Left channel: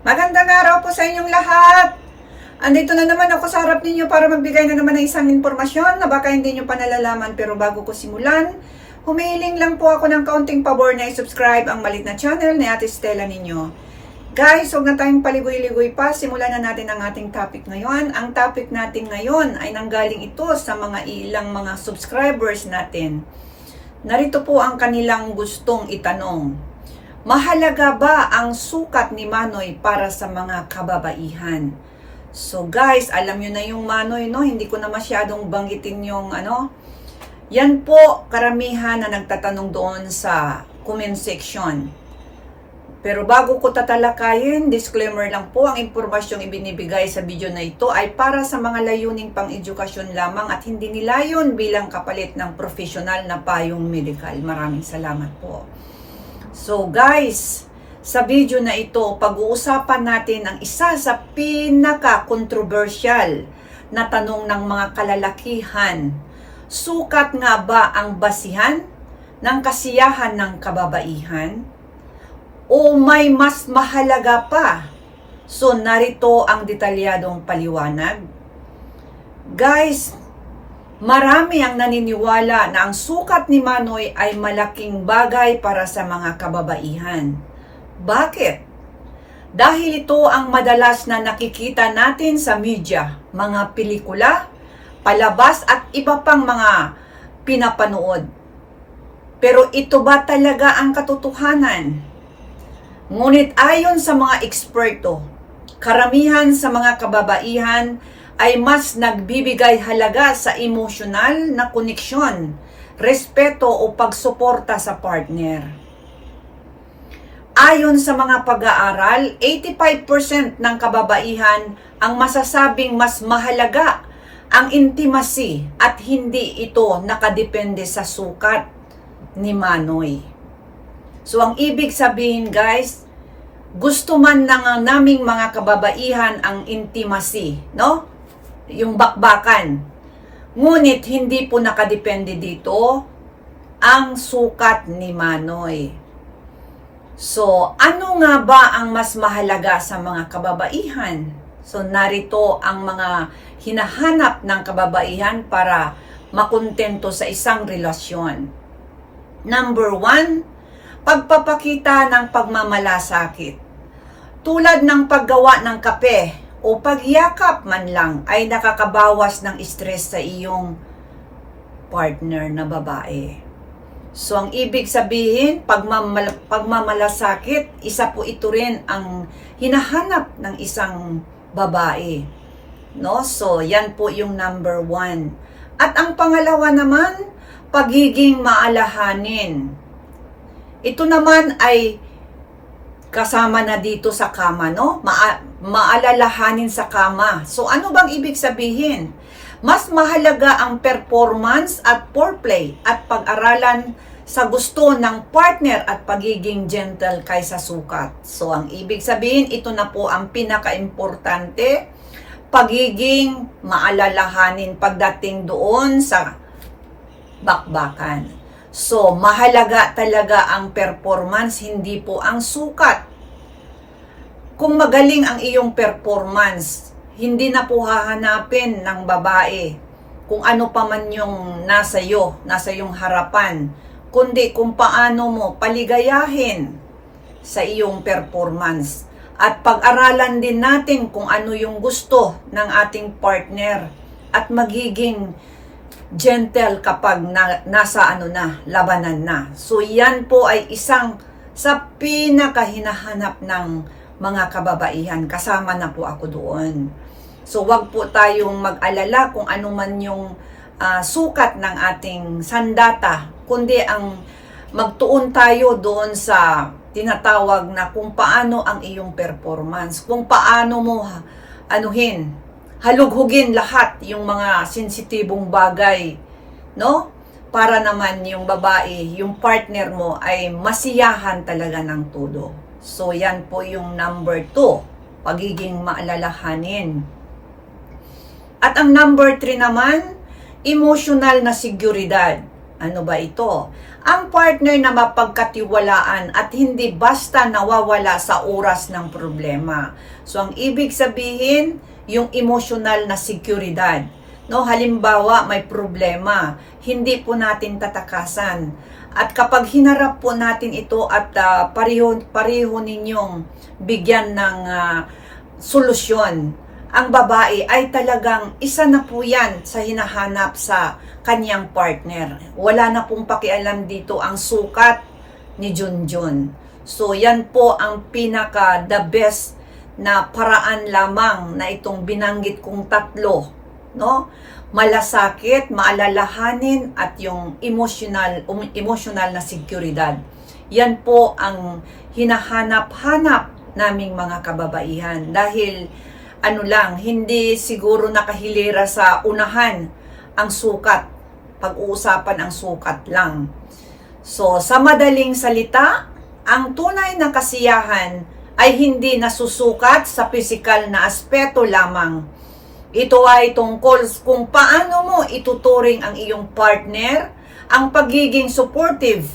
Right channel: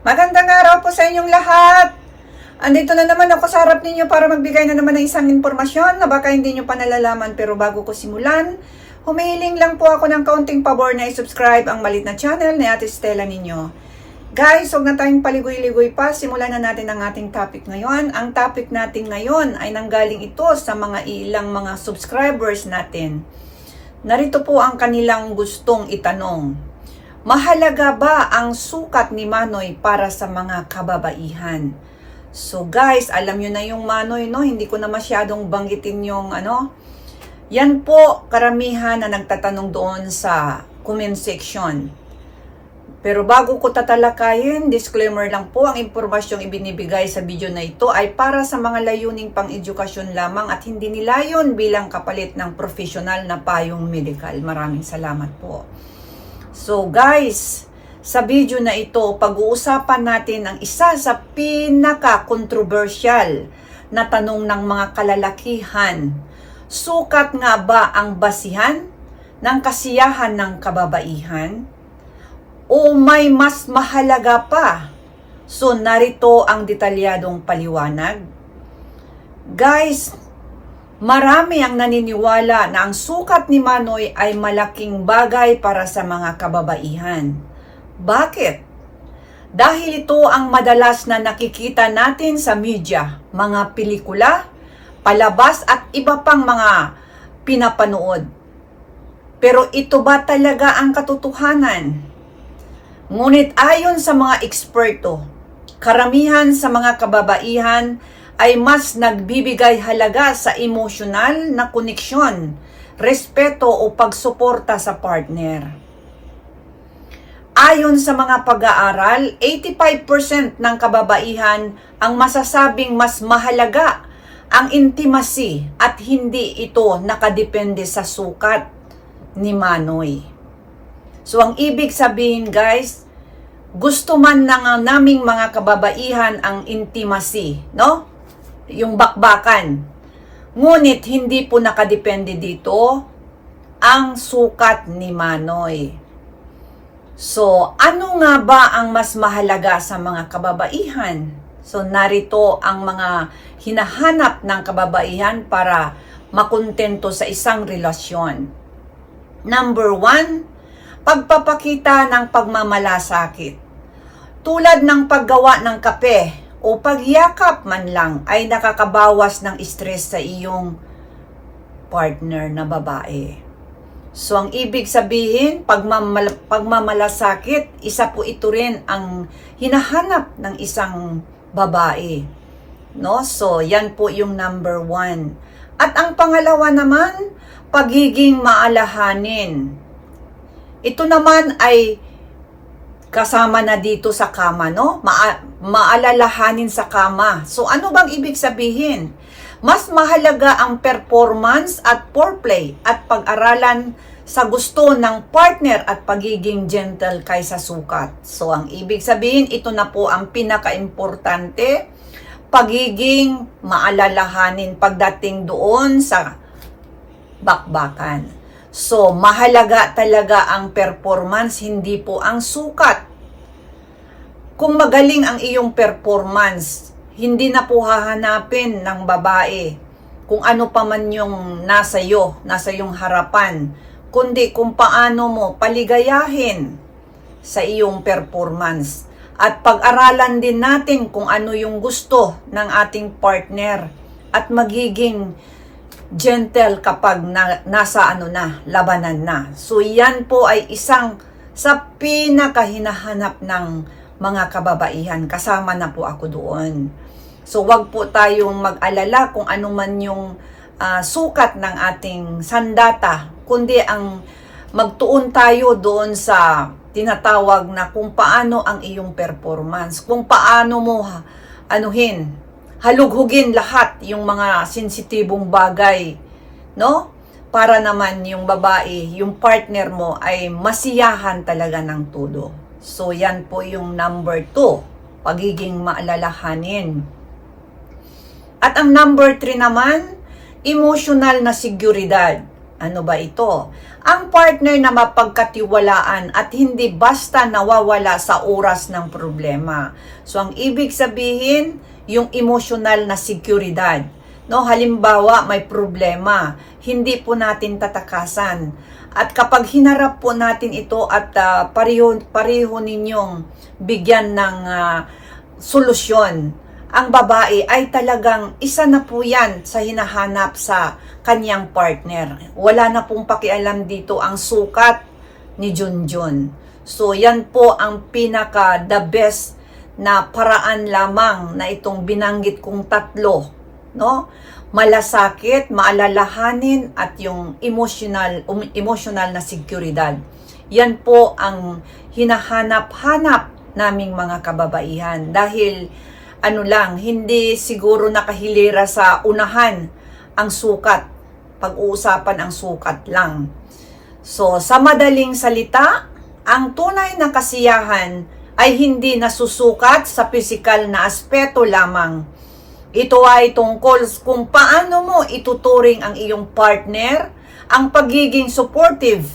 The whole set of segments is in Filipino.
Magandang araw po sa inyong lahat. Andito na naman ako sa harap ninyo para magbigay na naman ng isang impormasyon na baka hindi nyo pa nalalaman pero bago ko simulan, humihiling lang po ako ng kaunting pabor na i-subscribe ang malit na channel ni Ate Stella ninyo. Guys, huwag na tayong paligoy-ligoy pa. Simulan na natin ang ating topic ngayon. Ang topic natin ngayon ay nanggaling ito sa mga ilang mga subscribers natin. Narito po ang kanilang gustong itanong. Mahalaga ba ang sukat ni Manoy para sa mga kababaihan? So guys, alam nyo na yung Manoy, no? Hindi ko na masyadong banggitin yung ano. Yan po karamihan na nagtatanong doon sa comment section. Pero bago ko tatalakayin, disclaimer lang po, ang impormasyong ibinibigay sa video na ito ay para sa mga layuning pang-edukasyon lamang at hindi nilayon bilang kapalit ng profesional na payong medical. Maraming salamat po. So guys, sa video na ito, pag-uusapan natin ang isa sa pinaka-controversial na tanong ng mga kalalakihan. Sukat nga ba ang basihan ng kasiyahan ng kababaihan? O may mas mahalaga pa? So narito ang detalyadong paliwanag. Guys, Marami ang naniniwala na ang sukat ni Manoy ay malaking bagay para sa mga kababaihan. Bakit? Dahil ito ang madalas na nakikita natin sa media, mga pelikula, palabas at iba pang mga pinapanood. Pero ito ba talaga ang katotohanan? Ngunit ayon sa mga eksperto, karamihan sa mga kababaihan ay mas nagbibigay halaga sa emosyonal na koneksyon, respeto o pagsuporta sa partner. Ayon sa mga pag-aaral, 85% ng kababaihan ang masasabing mas mahalaga ang intimacy at hindi ito nakadepende sa sukat ni Manoy. So ang ibig sabihin guys, gusto man ng naming mga kababaihan ang intimacy, no? Yung bakbakan. Ngunit hindi po nakadepende dito ang sukat ni Manoy. So, ano nga ba ang mas mahalaga sa mga kababaihan? So, narito ang mga hinahanap ng kababaihan para makontento sa isang relasyon. Number one, pagpapakita ng pagmamalasakit. Tulad ng paggawa ng kape o pagyakap man lang ay nakakabawas ng stress sa iyong partner na babae. So, ang ibig sabihin, pagmamal pagmamalasakit, isa po ito rin ang hinahanap ng isang babae. No? So, yan po yung number one. At ang pangalawa naman, pagiging maalahanin. Ito naman ay kasama na dito sa kama, no? Ma- maalalahanin sa kama. So, ano bang ibig sabihin? Mas mahalaga ang performance at foreplay at pag-aralan sa gusto ng partner at pagiging gentle kaysa sukat. So, ang ibig sabihin, ito na po ang pinaka-importante, pagiging maalalahanin pagdating doon sa bakbakan. So, mahalaga talaga ang performance, hindi po ang sukat. Kung magaling ang iyong performance, hindi na po hahanapin ng babae kung ano pa man yung nasa iyo, nasa iyong harapan, kundi kung paano mo paligayahin sa iyong performance. At pag-aralan din natin kung ano yung gusto ng ating partner at magiging gentle kapag na, nasa ano na, labanan na. So yan po ay isang sa pinakahinahanap ng mga kababaihan. Kasama na po ako doon. So wag po tayong mag-alala kung ano man yung uh, sukat ng ating sandata, kundi ang magtuon tayo doon sa tinatawag na kung paano ang iyong performance, kung paano mo anuhin, halughugin lahat yung mga sensitibong bagay, no? Para naman yung babae, yung partner mo ay masiyahan talaga ng todo. So yan po yung number two, pagiging maalalahanin. At ang number three naman, emotional na seguridad. Ano ba ito? Ang partner na mapagkatiwalaan at hindi basta nawawala sa oras ng problema. So ang ibig sabihin, yung emotional na seguridad. No, halimbawa may problema, hindi po natin tatakasan. At kapag hinarap po natin ito at ah, pareho, pareho ninyong bigyan ng ah, solusyon, ang babae ay talagang isa na po yan sa hinahanap sa kanyang partner. Wala na pong pakialam dito ang sukat ni Junjun. So yan po ang pinaka the best na paraan lamang na itong binanggit kong tatlo, no? Malasakit, maalalahanin at yung emotional um, emotional na seguridad. Yan po ang hinahanap-hanap naming mga kababaihan dahil ano lang, hindi siguro nakahilera sa unahan ang sukat. Pag-uusapan ang sukat lang. So, sa madaling salita, ang tunay na kasiyahan ay hindi nasusukat sa pisikal na aspeto lamang. Ito ay tungkol kung paano mo ituturing ang iyong partner, ang pagiging supportive,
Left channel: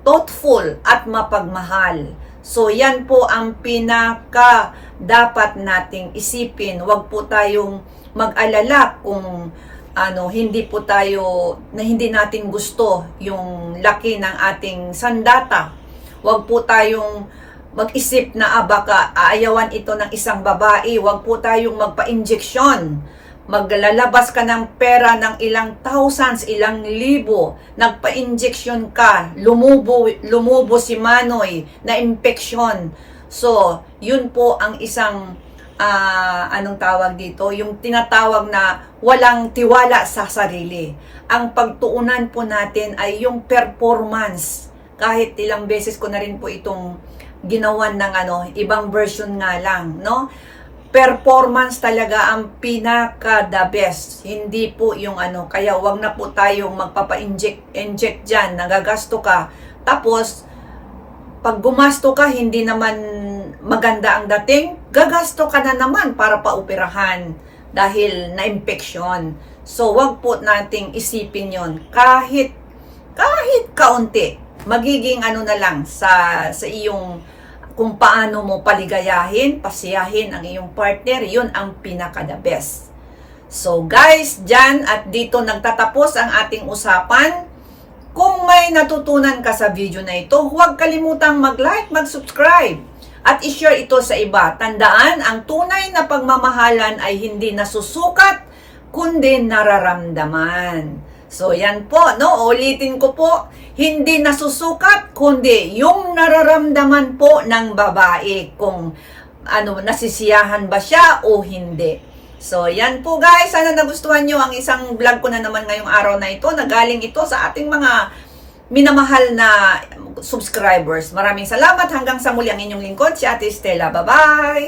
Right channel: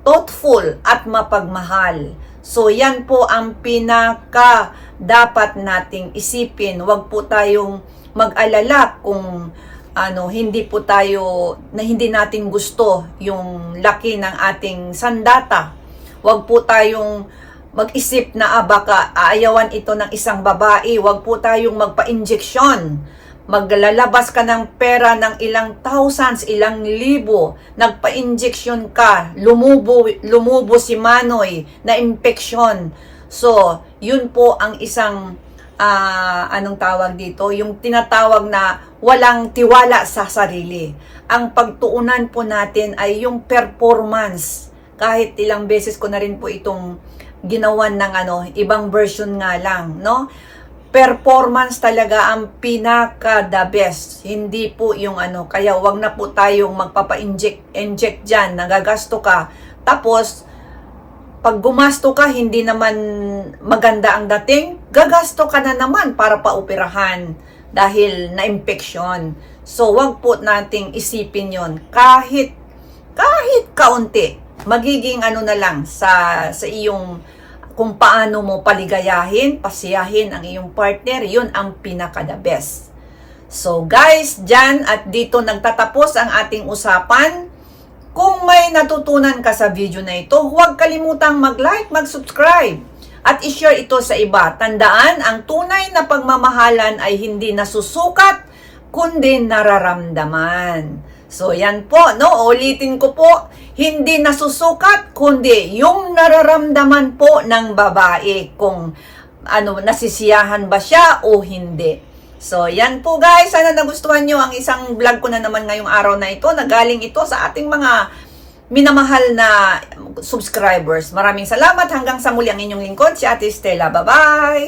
thoughtful at mapagmahal. So yan po ang pinaka dapat nating isipin. Huwag po tayong mag-alala kung ano hindi po tayo na hindi natin gusto yung laki ng ating sandata. Huwag po tayong mag-isip na ah, baka aayawan ito ng isang babae. Huwag po tayong magpa-injeksyon. Maglalabas ka ng pera ng ilang thousands, ilang libo. Nagpa-injeksyon ka. Lumubo, lumubo si Manoy na infeksyon. So, yun po ang isang ah, anong tawag dito, yung tinatawag na walang tiwala sa sarili. Ang pagtuunan po natin ay yung performance. Kahit ilang beses ko na rin po itong ginawan ng ano, ibang version nga lang, no? Performance talaga ang pinaka the best. Hindi po yung ano, kaya wag na po tayong magpapa-inject inject diyan, nagagasto ka. Tapos pag gumasto ka, hindi naman maganda ang dating, gagasto ka na naman para paupirahan dahil na-infection. So, wag po nating isipin yon kahit, kahit kaunti, magiging ano na lang sa, sa iyong kung paano mo paligayahin, pasiyahin ang iyong partner, yun ang pinaka the best. So guys, dyan at dito nagtatapos ang ating usapan. Kung may natutunan ka sa video na ito, huwag kalimutang mag-like, mag-subscribe, at i-share ito sa iba. Tandaan, ang tunay na pagmamahalan ay hindi nasusukat, kundi nararamdaman. So, yan po, no? Ulitin ko po, hindi nasusukat, kundi yung nararamdaman po ng babae kung ano, nasisiyahan ba siya o hindi. So, yan po guys. Sana nagustuhan nyo ang isang vlog ko na naman ngayong araw na ito. Nagaling ito sa ating mga minamahal na subscribers. Maraming salamat. Hanggang sa muli ang inyong lingkod, si Ate Stella. Bye-bye!